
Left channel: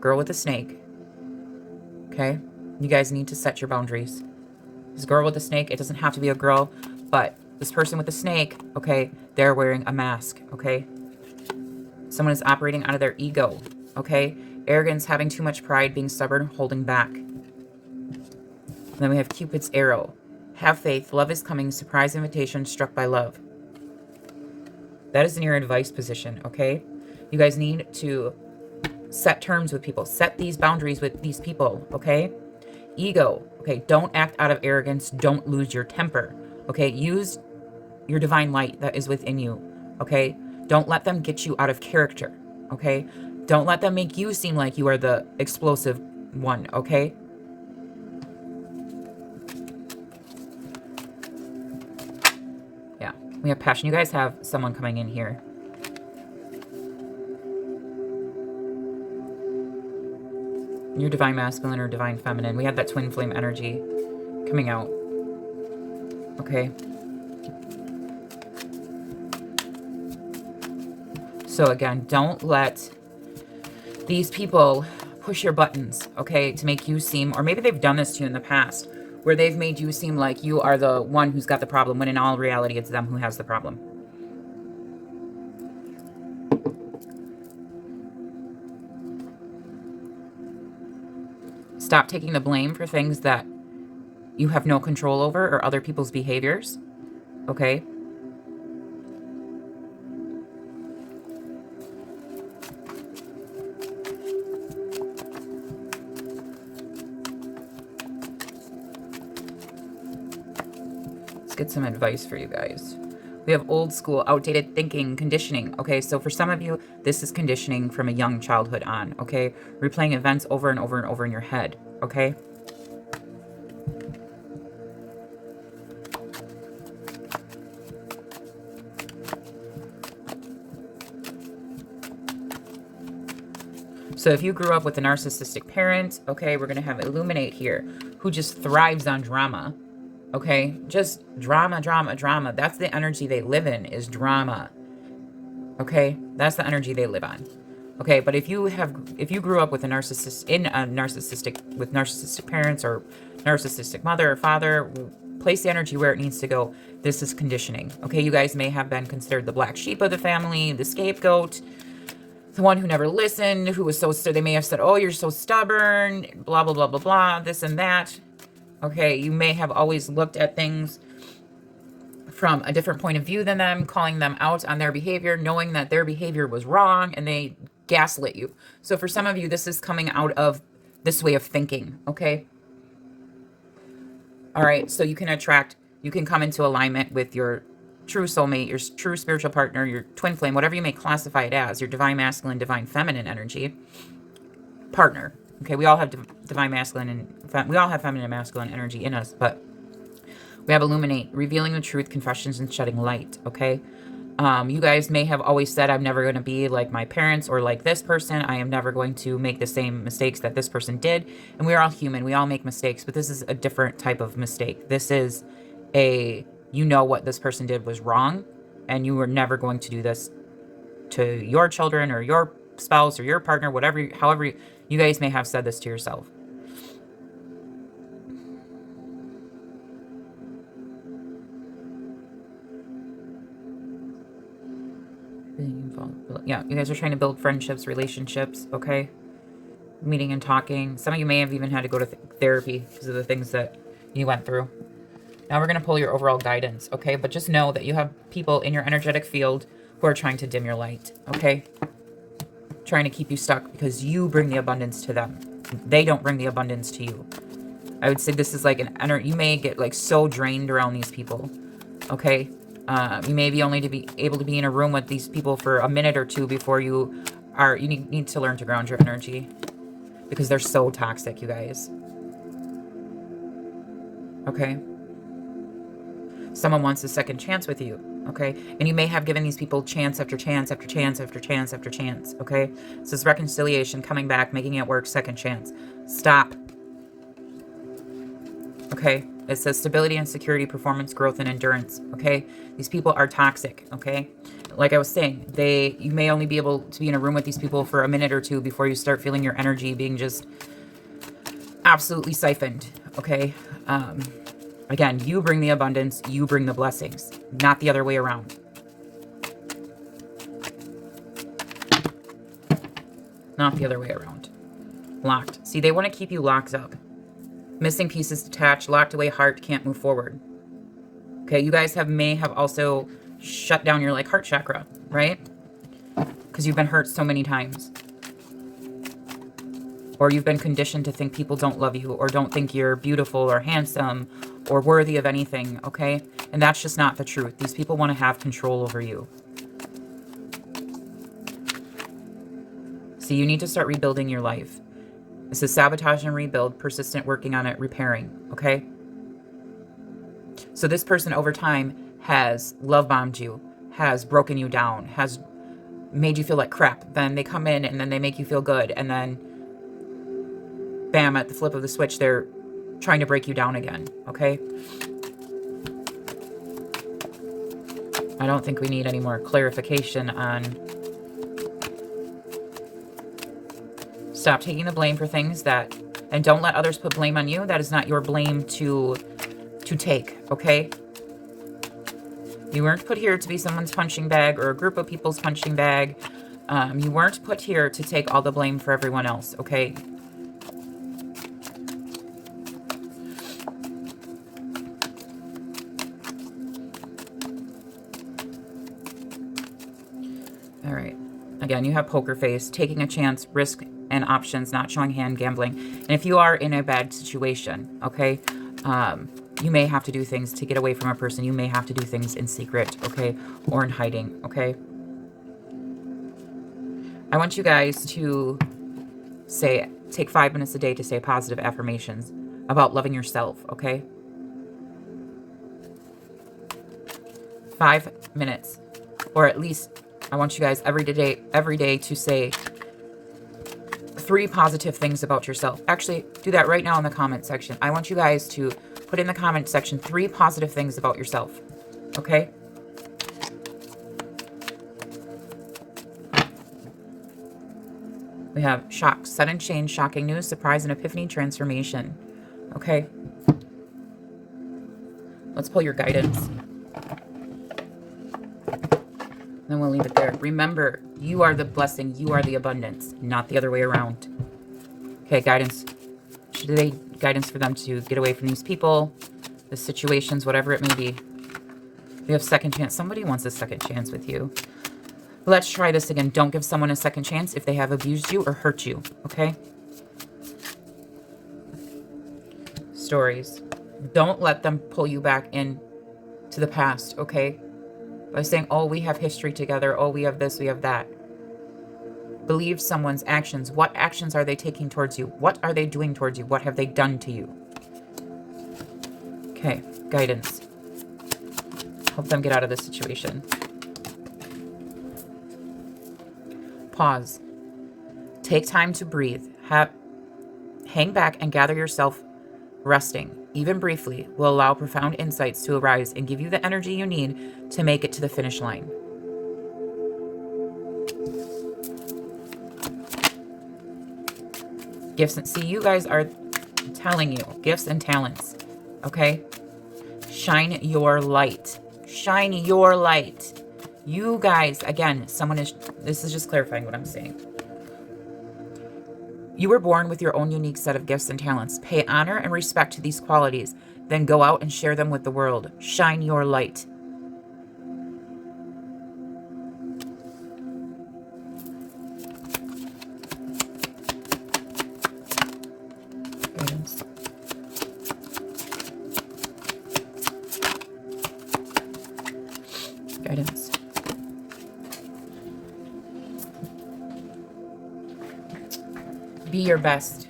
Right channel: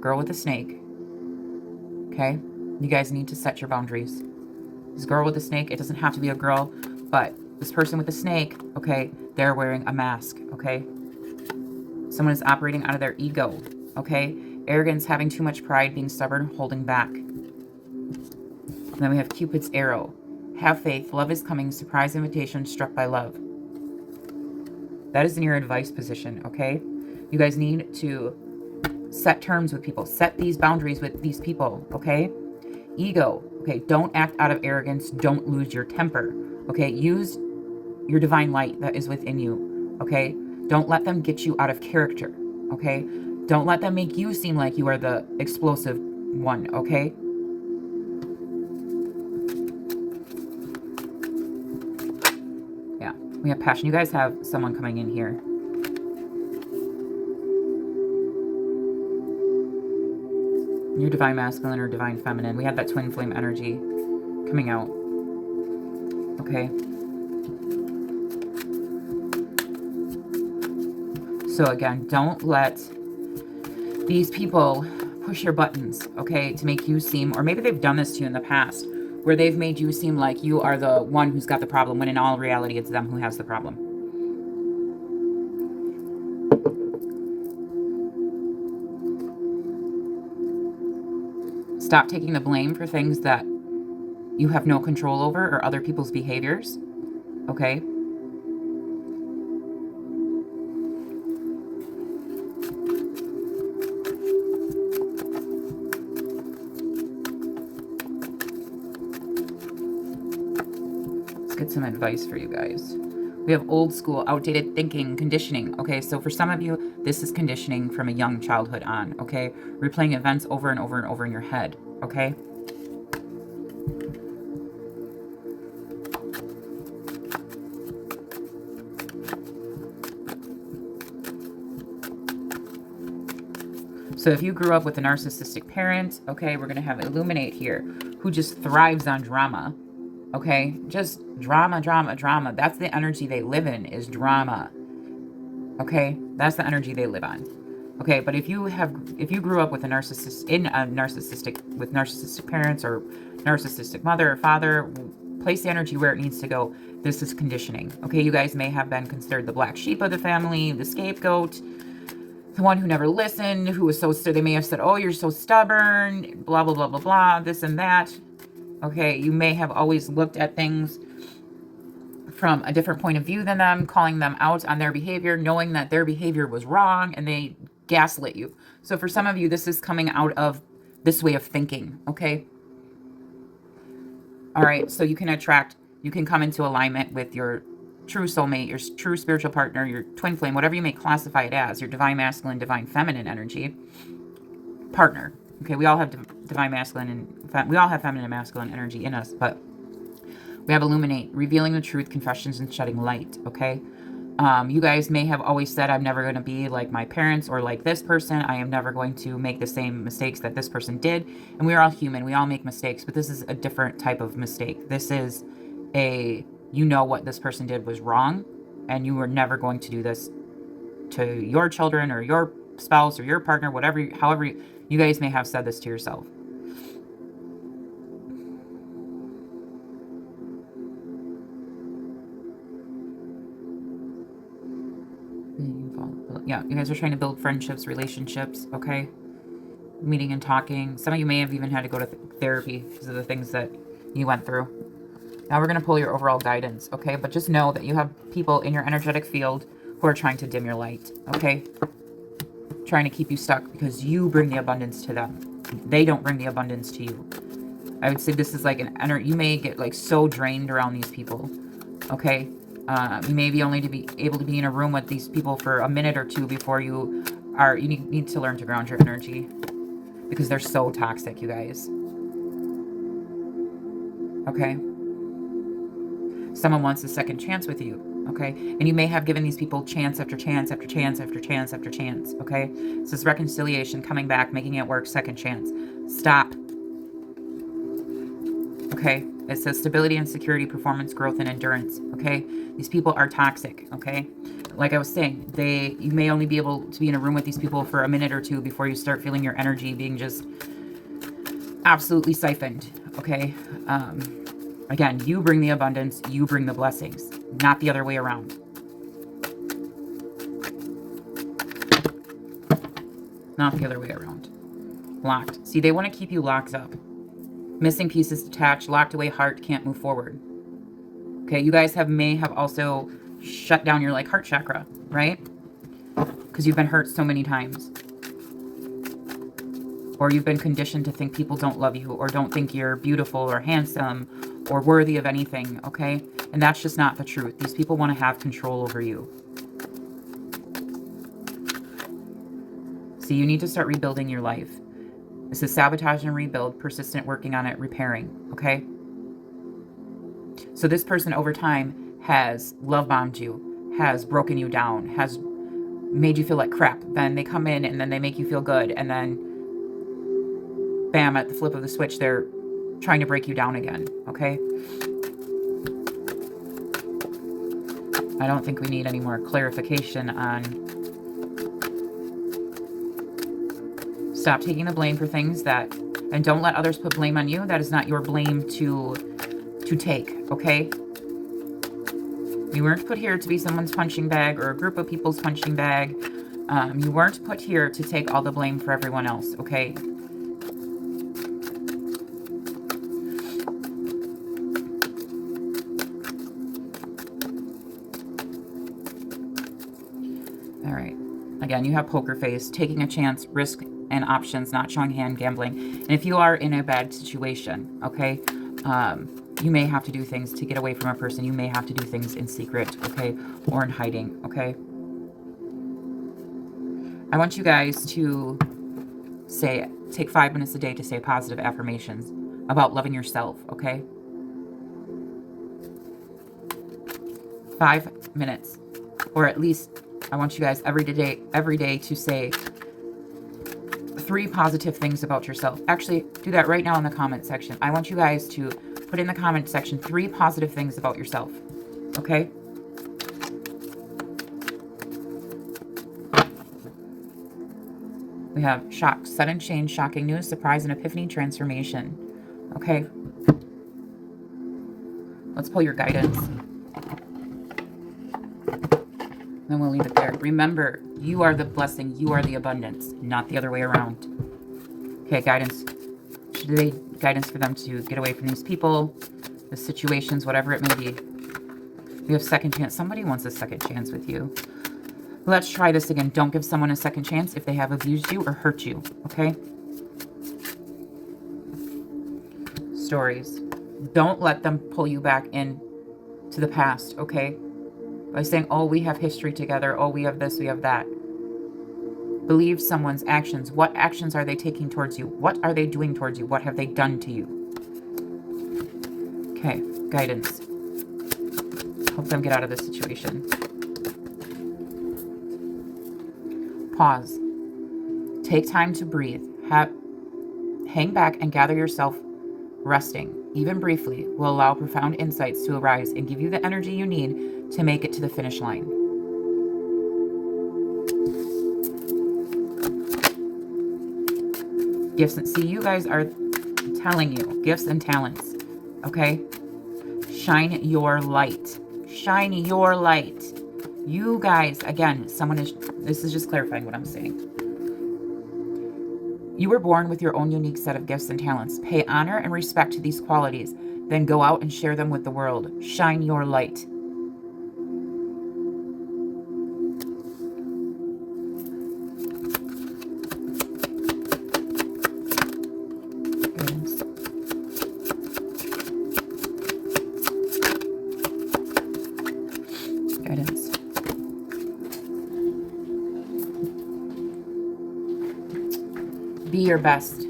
Girl with a snake, okay? You guys need to set your boundaries. This girl with a snake, it doesn't have to be a girl, but this person with a snake, okay, they're wearing a mask, okay? Someone is operating out of their ego, okay? Arrogance, having too much pride, being stubborn, holding back. And then we have Cupid's arrow. Have faith, love is coming, surprise invitation, struck by love. That is in your advice position, okay? You guys need to set terms with people. Set these boundaries with these people, okay? Ego, okay? Don't act out of arrogance. Don't lose your temper, okay? Use your divine light that is within you, okay? Don't let them get you out of character, okay? Don't let them make you seem like you are the explosive one, okay? Yeah, we have passion. You guys have someone coming in here. Your divine masculine or divine feminine. We have that twin flame energy coming out. Okay. So again, don't let these people push your buttons, okay, to make you seem, or maybe they've done this to you in the past, where they've made you seem like you are the one who's got the problem, when in all reality, it's them who has the problem. Stop taking the blame for things that you have no control over or other people's behaviors, okay? Let's get some advice for you guys. We have old school, outdated thinking, conditioning. Okay, so for some of you, this is conditioning from a young childhood on. Okay, replaying events over and over and over in your head. Okay. So if you grew up with a narcissistic parent, okay, we're going to have Illuminate here, who just thrives on drama. Okay, just drama, drama, drama. That's the energy they live in, is drama. Okay, that's the energy they live on. Okay, but if you grew up with a narcissistic parents or narcissistic mother or father, place the energy where it needs to go. This is conditioning. Okay, you guys may have been considered the black sheep of the family, the scapegoat, the one who never listened, who was they may have said, oh, you're so stubborn, blah, blah, blah, blah, blah, this and that. Okay, you may have always looked at things from a different point of view than them, calling them out on their behavior, knowing that their behavior was wrong, and they gaslit you. So for some of you, this is coming out of this way of thinking, okay? All right, so you can come into alignment with your true soulmate, your true spiritual partner, your twin flame, whatever you may classify it as, your divine masculine, divine feminine energy partner. Okay, we all have divine masculine and we all have feminine and masculine energy in us, but we have Illuminate, revealing the truth, confessions, and shedding light, okay? You guys may have always said, I'm never going to be like my parents or like this person. I am never going to make the same mistakes that this person did. And we are all human. We all make mistakes, but this is a different type of mistake. This is you know what this person did was wrong, and you were never going to do this to your children or your spouse or your partner, however you guys may have said this to yourself. Yeah, you guys are trying to build friendships, relationships, okay? Meeting and talking. Some of you may have even had to go to therapy because of the things that you went through. Now we're going to pull your overall guidance, okay? But just know that you have people in your energetic field who are trying to dim your light, okay? Trying to keep you stuck because you bring the abundance to them. They don't bring the abundance to you. I would say this is like you may get like so drained around these people, okay? You may be only to be able to be in a room with these people for a minute or two before you need to learn to ground your energy because they're so toxic, you guys. Okay? Someone wants a second chance with you, okay? And you may have given these people chance after chance after chance after chance after chance, okay? So it's reconciliation, coming back, making it work, second chance. Stop. Okay? It says stability and security, performance, growth, and endurance, okay? These people are toxic, okay? Like I was saying, you may only be able to be in a room with these people for a minute or two before you start feeling your energy being just absolutely siphoned, okay? Again, you bring the abundance, you bring the blessings, not the other way around. Not the other way around. Locked. See, they want to keep you locked up. Missing pieces detached, locked away heart, can't move forward. Okay, you guys may have also shut down your heart chakra, right? Because you've been hurt so many times. Or you've been conditioned to think people don't love you or don't think you're beautiful or handsome or worthy of anything, okay? And that's just not the truth. These people want to have control over you. So you need to start rebuilding your life. This is sabotage and rebuild, persistent working on it, repairing, okay? So this person over time has love bombed you, has broken you down, has made you feel like crap. Then they come in and then they make you feel good. And then bam, at the flip of the switch, they're trying to break you down again, okay? I don't think we need any more clarification on... Stop taking the blame for things that... And don't let others put blame on you. That is not your blame to take, okay? You weren't put here to be someone's punching bag or a group of people's punching bag. You weren't put here to take all the blame for everyone else, okay? All right. Again, you have poker face, taking a chance, risk and options, not showing hand, gambling. And if you are in a bad situation, okay, you may have to do things to get away from a person. You may have to do things in secret, okay, or in hiding, okay? I want you guys to take 5 minutes a day to say positive affirmations about loving yourself, okay? 5 minutes. Or at least, I want you guys every day to say 3 positive things about yourself. Actually, do that right now in the comment section. I want you guys to put in the comment section 3 positive things about yourself, okay? We have shock, sudden change, shocking news, surprise and epiphany, transformation. Okay. Let's pull your guidance. Then we'll leave it there. Remember, you are the blessing, you are the abundance, not the other way around. Okay, guidance. Guidance for them to get away from these people, the situations, whatever it may be. We have second chance. Somebody wants a second chance with you. Let's try this again. Don't give someone a second chance if they have abused you or hurt you, okay? Stories. Don't let them pull you back in to the past, okay? By saying, oh, we have history together. Oh, we have this, we have that. Believe someone's actions. What actions are they taking towards you? What are they doing towards you? What have they done to you? Okay, guidance. Help them get out of this situation. Pause. Take time to breathe. Hang back and gather yourself. Resting, even briefly, will allow profound insights to arise and give you the energy you need to make it to the finish line. Gifts. See, you guys are telling you, gifts and talents, okay? Shine your light. Shine your light. You guys, again, this is just clarifying what I'm saying. You were born with your own unique set of gifts and talents. Pay honor and respect to these qualities, then go out and share them with the world. Shine your light. Guidance. Guidance. Be your best.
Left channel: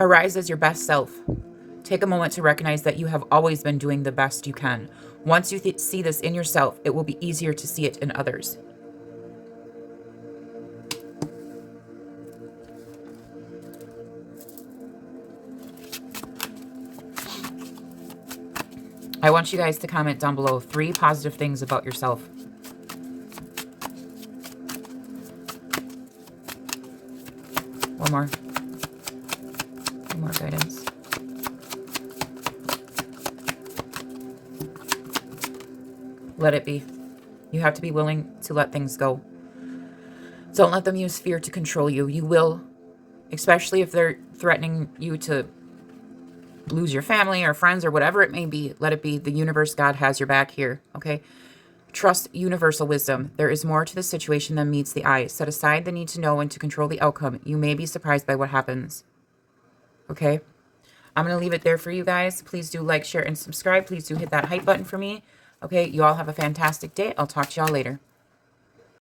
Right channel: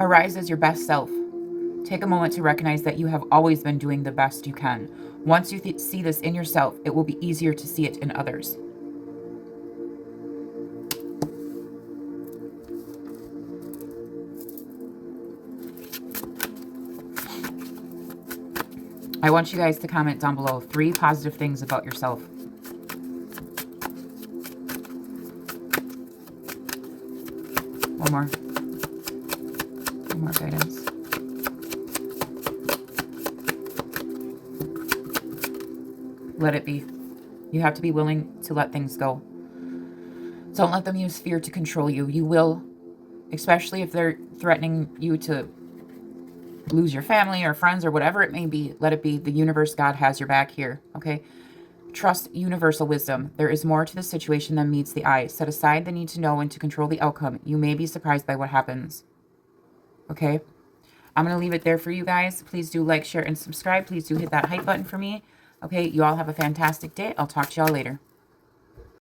Arise as your best self. Take a moment to recognize that you have always been doing the best you can. Once you see this in yourself, it will be easier to see it in others. I want you guys to comment down below 3 positive things about yourself. One more. One more guidance. Let it be. You have to be willing to let things go. Don't let them use fear to control you. You will, especially if they're threatening you to lose your family or friends or whatever it may be. Let it be. The universe, God has your back here, okay? Trust universal wisdom. There is more to the situation than meets the eye. Set aside the need to know and to control the outcome. You may be surprised by what happens. Okay? I'm going to leave it there for you guys. Please do like, share, and subscribe. Please do hit that hype button for me. Okay? You all have a fantastic day. I'll talk to y'all later.